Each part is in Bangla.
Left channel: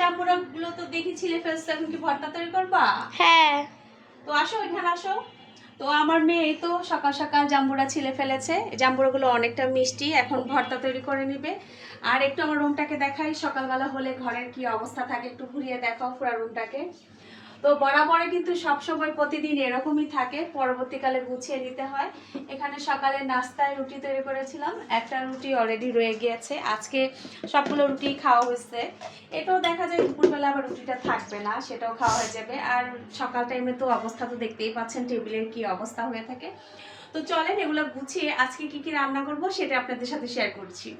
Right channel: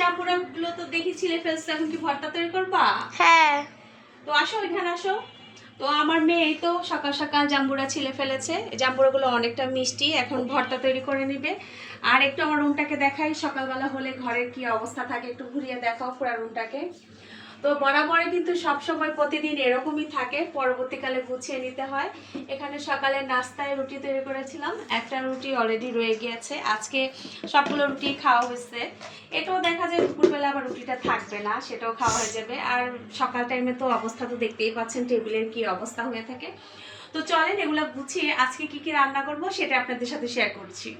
জাম্বুরাগুলো তো দেখি ছিলে ফেলছে, এখন কি ভর্তা তৈরি করবা? হ্যাঁ। তো আসো এখানে আসো। তো আমার মেয়ে এই তো সকাল সকাল জাম্বুরা ছিলে ফেলেছে। জাম্বুরাগুলো অনেকটা মিষ্টি, এখন ভর্তা তৈরি করে নিবে। আর একটু আমার রুমটাকে দেখাই, সকালবেলা হলে ঘরের কি অবস্থা থাকে একটু ঘুরিয়ে দেখাও পুরো রুমটাকে। তো বরাবরে কিন্তু সবসময় প্রতিদিন এরকমই থাকে, পরবর্তীকালে গুছিয়ে নিতে হয়। এখানে সকালে নাস্তায় রুটি তৈরি করেছিলাম, একটা রুটি অলরেডি রয়ে গিয়েছে, আজকে সবগুলো রুটি খাওয়া হয়েছে। এটাও দেখা যায় দুপুরবেলা আবার রুটিটা থাকবে না, সেটাও খাওয়া হয়ে যাবে। আর সকাল টাইমে তো অবস্থা তো দেখতেই পাচ্ছেন টেবিলের কি অবস্থা হয়ে থাকে। তো চলেন এগুলো গুছিয়ে আজকে কি কি রান্না করব সেটা আপনাদের সাথে শেয়ার করছি।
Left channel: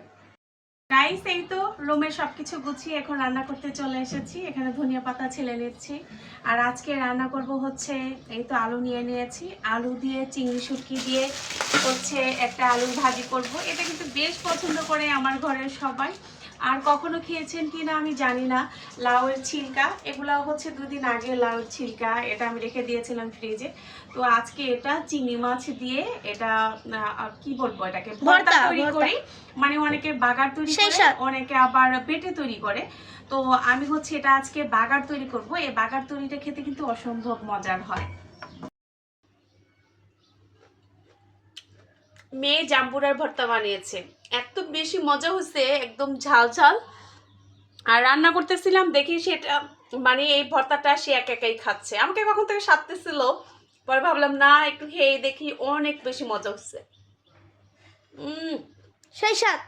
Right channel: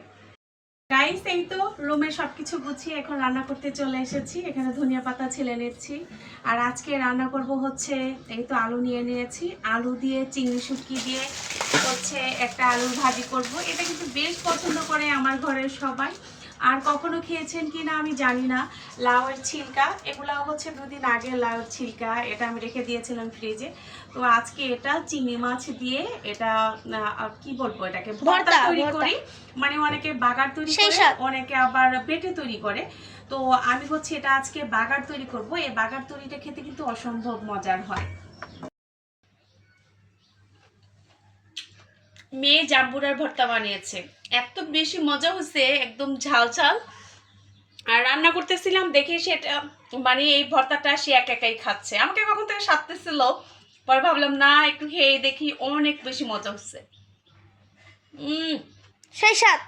গাইস এই তো রুমে সবকিছু গুছিয়ে এখন রান্না করতে চলে এসেছি। এখানে ধনিয়া পাতা ছিলে নিচ্ছি। আর আজকে রান্না করব হচ্ছে এই তো আলু নিয়ে নিয়েছি, আলু দিয়ে চিংড়ি শুটকি দিয়ে হচ্ছে একটা আলুর ভাজি করব। এটা কিন্তু বেশ পছন্দ করে আমার ঘরের সবাই। আর কখনো খেয়েছেন কি না আমি জানি না। লাউয়ের ছিলকা, এগুলো হচ্ছে দুদিন আগে লাউয়ের ছিলকা, এটা আমি রেখে দিয়েছিলাম ফ্রিজে। তো আজকে এটা চিংড়ি মাছ দিয়ে এটা কি বলবো, এটাকে ভর্তা তৈরি করি। মানে অনেকে বাগার তৈরি করে, অনেকে আবার পেটে তৈরি করে। তো আমি হচ্ছে এটা আজকে বাগার তৈরি করব। এই বাগার তৈরিটা খেতে কিন্তু অসম্ভব মজার হয়। মেয়ে জাম্বুরার ভর্তা বানিয়েছে, এত বেশি মজা হয়েছে, একদম ঝাল ঝাল। আর রান্না করতেছিলাম দেখি সেটা মানে এই ভর্তাটা সে একাই খাচ্ছে, আমাকে কখন থেকে সাধতেছিল। পরে ভাবলাম না একটু খেয়ে দেখি, অনেক বেশি মজা হচ্ছে। সেই সাথ।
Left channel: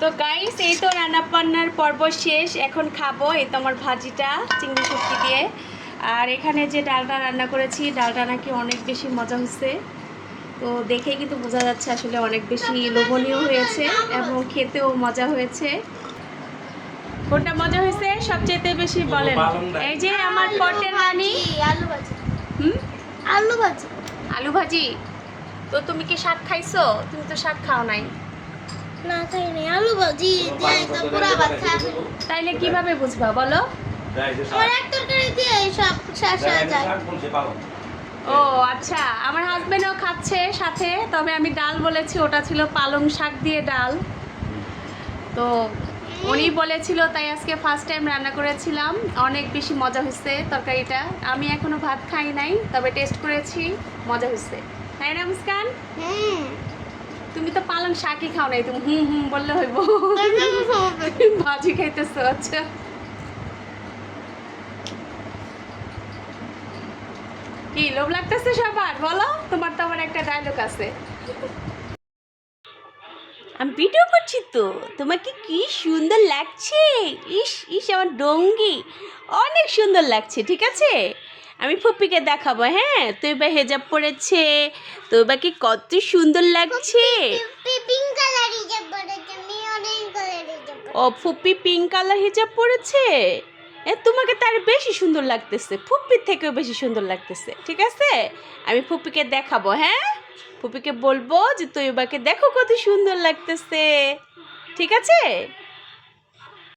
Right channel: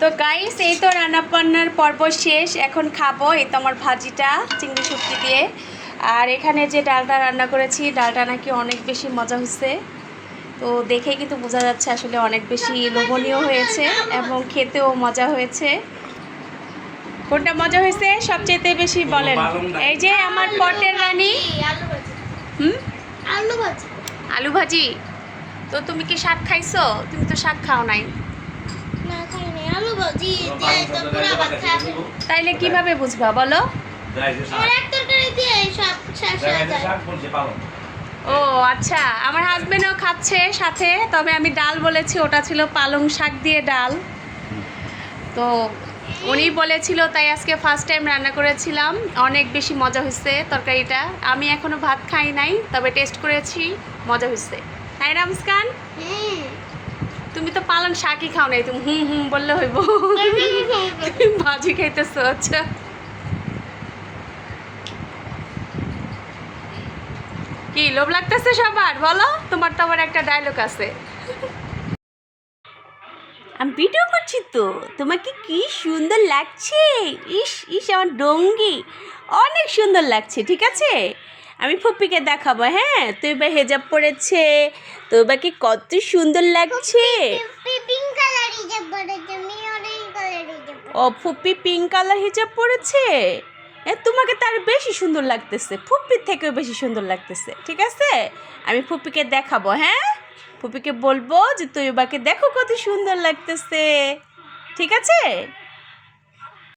তো গাইস এই তো রান্না বান্নার পর্ব শেষ, এখন খাবো। এই তো আমার ভাজিটা চিংড়ি শুটকি দিয়ে। আর এখানে যে ডালটা রান্না করেছি, ডালটা নাকি অনেক বেশি মজা হচ্ছে। তো দেখে কিন্তু বোঝা যাচ্ছে আসলে অনেক বেশি লোভনীয় হয়েছে এবং খেতেও মজা হয়েছে। কোনটা মজা হয়েছে সবচেয়ে বেশি বলেন? এই যে আমার পটের রানী আলু ভাজি। আলু ভাজি। আলু ভাজি। তো তুমি কি শাক খাইছো? তুমি তো শাক খাও নাই। না খাইনি, আলু ভাজি দিয়ে তো পুরা ভাত খাবে। তাইলে কিভাবে বুঝবা বলো? আমার এক তরকারি দিয়ে সব শেষ হয়ে যায়। ও আচ্ছা, আমার হাজবেন্ডও খাচ্ছে সাথে, তবে আমি ডাল বলেছি, ওটা ছিল পালং শাক দিয়ে ডাল। তো উনি বলেছিল, তাই আজকে ফার্স্ট টাইম রান্না করেছিলাম, অনেক বেশি মজা হয়েছে তরকারিটা। আমি এখনো ভাত খাই নাই, তবে টেস্ট করেছি, মজা হয়েছে। তাই না মুস্কান? তুমি তো পালং শাকই খাও নাই, তুমি হুম হুম বললে হইব। ভাজি খাইতেছো? আচ্ছা কি লোভ লাগতেছে সবার বলো? তোমার তো আবার একটা ডায়লগ আছে। আমি ভিডিও করছি তো, তোমাকে কি সুন্দর লাগছে। ইস ইস আমার ডঙ্গি, অনেক সুন্দর লাগছে। ঠিক আছে, আমি ফুপ্পিকে দেখাবো। হ্যাঁ, তুই বা হেজাব পরেছে, তুই বা কি কত সুন্দর লাগছে। ও ফুপ্পি পিঙ্ক কালার হিজাব পরেছে, তোমাকে তার বেশি সুন্দর লাগতেছে, ফুপ্পির থেকেও বেশি সুন্দর লাগতেছে। ঠিক আছে, আমি ফুপ্পিকে দেখাবো। হ্যাঁ, ফুপিকে বলবো যে তৈবাকে দেখো কত সুন্দর লাগতেছে। ঠিক আছে।